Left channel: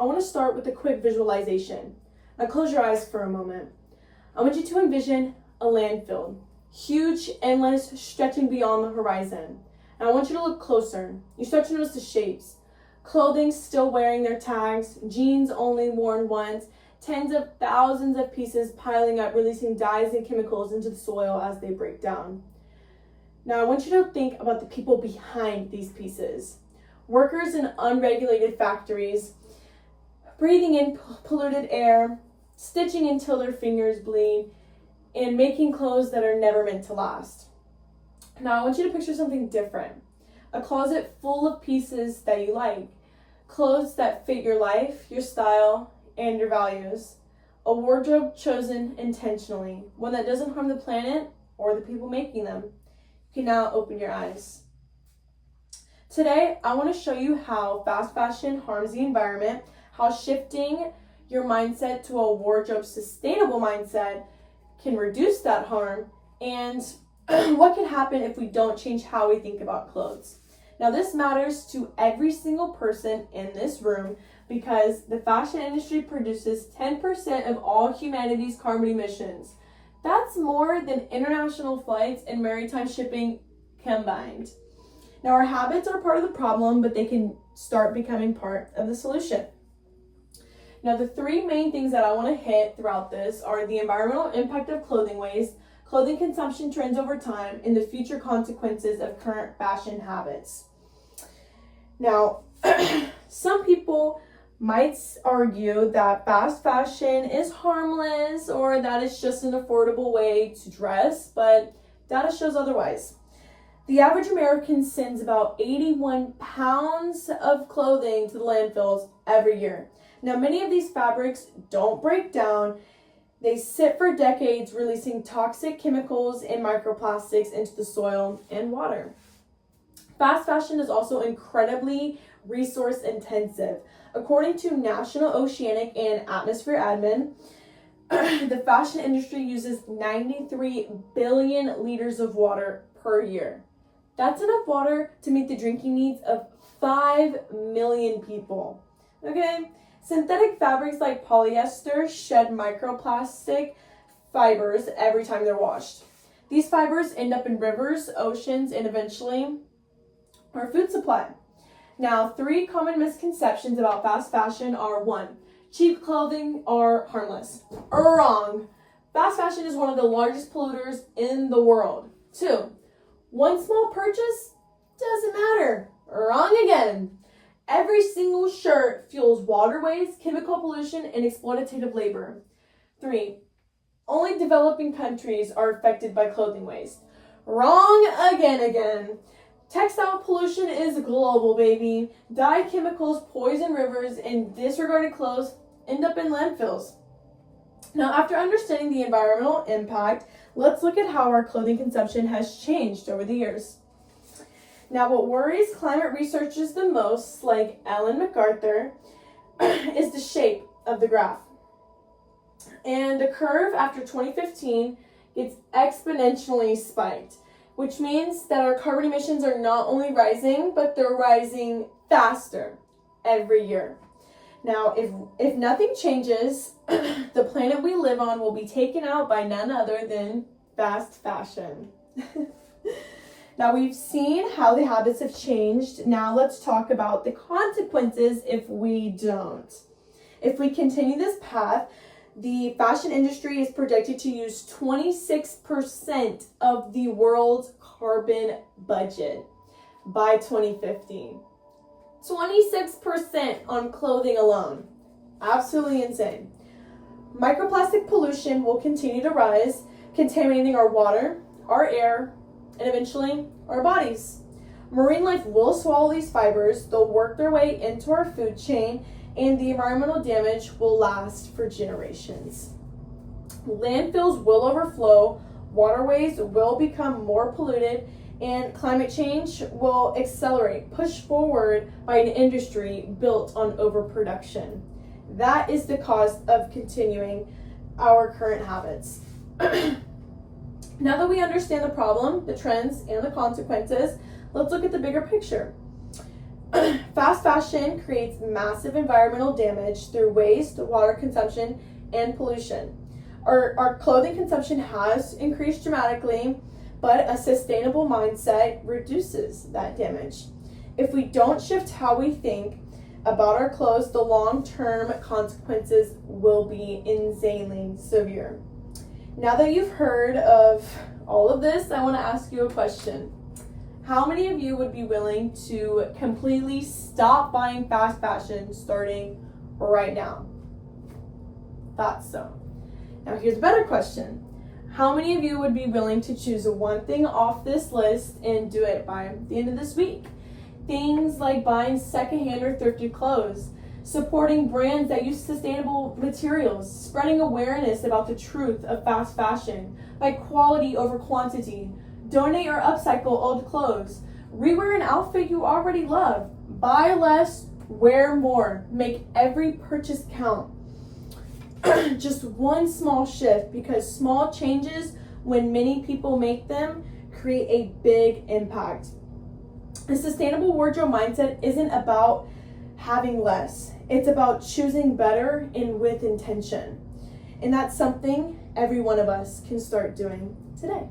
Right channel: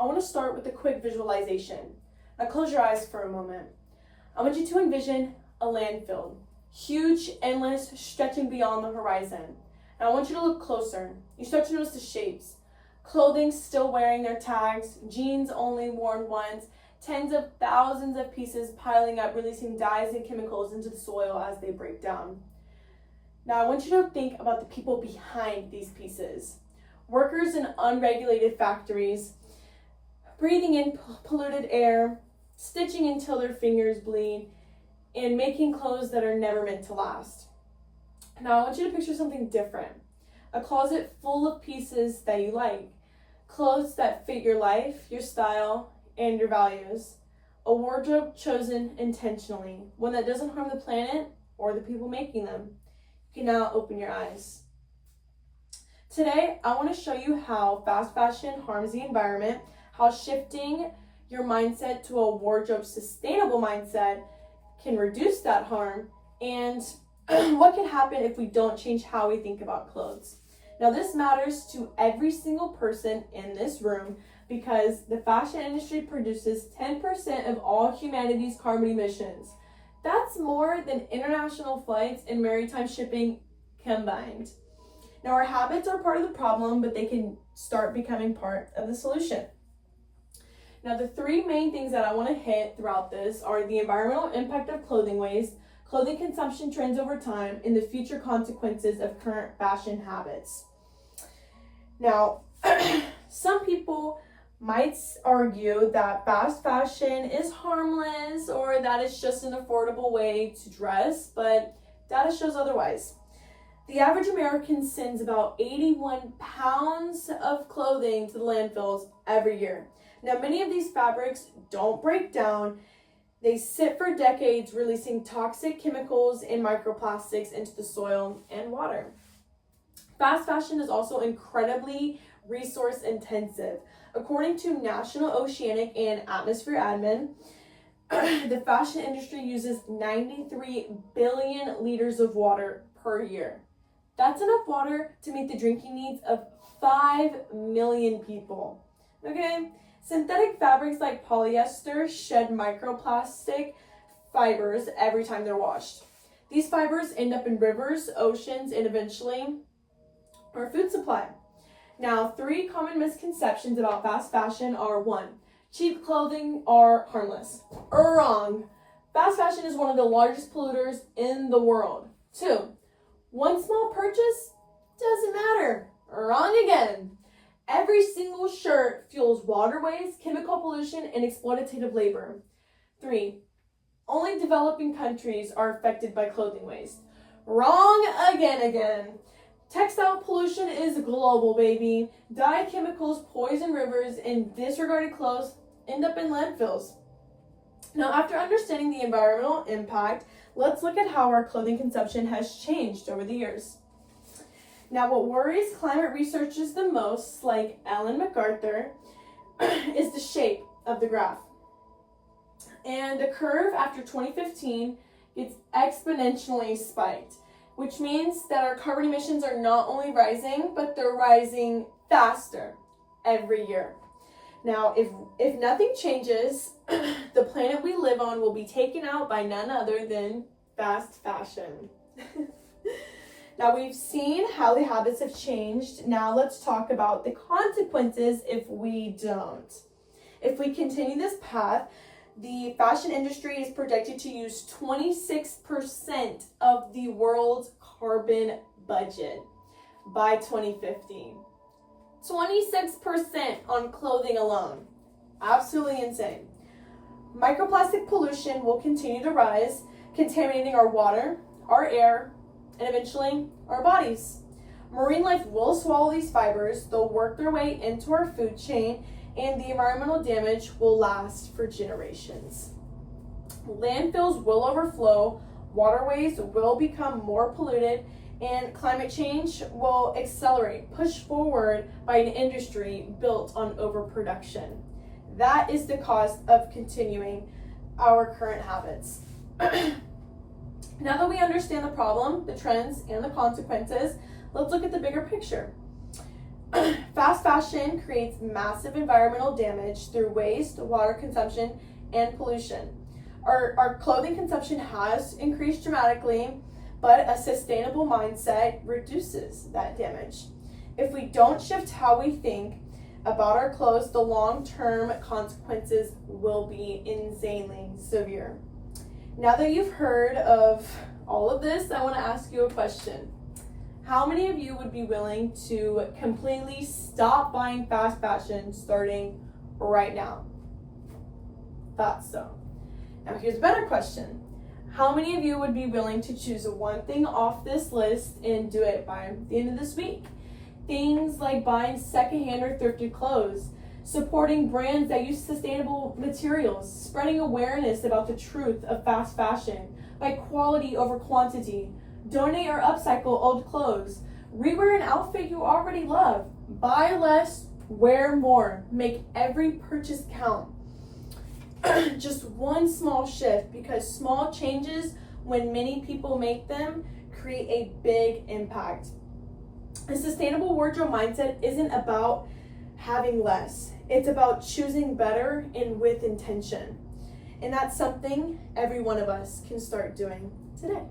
I want to start with a quick visualization. Now close your eyes for a moment. I want you to envision a landfill, huge, endless, stretching beyond the horizon. And I want you to look closer. You start to notice the shapes. Clothing still wearing their tags, jeans only worn once, tens of thousands of pieces piling up, releasing dyes and chemicals into the soil as they break down. Now I want you to think about the people behind these pieces. Workers in unregulated factories, breathing in polluted air, stitching until their fingers bleed, and making clothes that are never meant to last. Now I want you to picture something different. A closet full of pieces that you like. Clothes that fit your life, your style, and your values. A wardrobe chosen intentionally. One that doesn't harm the planet or the people making them. You can now open your eyes. Today, I want to show you how fast fashion harms the environment, how shifting your mindset to a wardrobe sustainable mindset can reduce that harm, and what can happen if we don't change how we think about clothes. Now, this matters to every single person in this room because the fashion industry produces 10% of all humanity's carbon emissions. That's more than international flights and maritime shipping combined. Now, our habits are part of the problem, but they can start becoming part of the solution. Now, the three main things that I want to hit throughout this are the environmental impact of clothing waste, clothing consumption trends over time, and the future consequences of current fashion habits. Now, some people might argue that fast fashion is harmless or that it's just an affordable way to dress, but data shows otherwise. The average American sends about 81 pounds of clothing to the landfills every year. Now, many of these fabrics don't break down. They sit for decades, releasing toxic chemicals and microplastics into the soil and water. Fast fashion is also incredibly resource intensive. According to National Oceanic and Atmosphere Admin, the fashion industry uses 93 billion liters of water per year. That's enough water to meet the drinking needs of 5 million people. Okay? Synthetic fabrics like polyester shed microplastic fibers every time they're washed. These fibers end up in rivers, oceans, and eventually our food supply. Now, 3 common misconceptions about fast fashion are: 1, cheap clothing are harmless. Wrong. Fast fashion is one of the largest polluters in the world. 2, one small purchase doesn't matter. Wrong again. Every single shirt fuels waterways, chemical pollution, and exploitative labor. 3, only developing countries are affected by clothing waste. Wrong again. Textile pollution is global, baby. Dye chemicals poison rivers, and disregarded clothes end up in landfills. Now, after understanding the environmental impact, let's look at how our clothing consumption has changed over the years. Now, what worries climate researchers the most, like Ellen MacArthur, is the shape of the graph. And the curve after 2015 gets exponentially spiked, which means that our carbon emissions are not only rising, but they're rising faster every year. Now, if nothing changes, the planet we live on will be taken out by none other than fast fashion. Now, we've seen how the habits have changed. Now let's talk about the consequences if we don't. If we continue this path, the fashion industry is projected to use 26% of the world's carbon budget by 2050. 26% on clothing alone. Absolutely insane. Microplastic pollution will continue to rise, contaminating our water, our air, and eventually our bodies. Marine life will swallow these fibers, they'll work their way into our food chain, and the environmental damage will last for generations. Landfills will overflow, waterways will become more polluted, and climate change will accelerate, pushed forward by an industry built on overproduction. That is the cost of continuing our current habits. Now that we understand the problem, the trends, and the consequences, let's look at the bigger picture. Fast fashion creates massive environmental damage through waste, water consumption, and pollution. Our clothing consumption has increased dramatically, but a sustainable mindset reduces that damage. If we don't shift how we think about our clothes, the long-term consequences will be insanely severe. Now that you've heard of all of this, I want to ask you a question. How many of you would be willing to completely stop buying fast fashion starting right now? Thought so. Now here's a better question. How many of you would be willing to choose one thing off this list and do it by the end of this week? Things like buying secondhand or thrifted clothes, supporting brands that use sustainable materials, spreading awareness about the truth of fast fashion, by quality over quantity, donate or upcycle old clothes, rewear an outfit you already love, buy less, wear more, make every purchase count. Just one small shift, because small changes, when many people make them, create a big impact. A sustainable wardrobe mindset isn't about having less. It's about choosing better and with intention. And that's something every one of us can start doing today.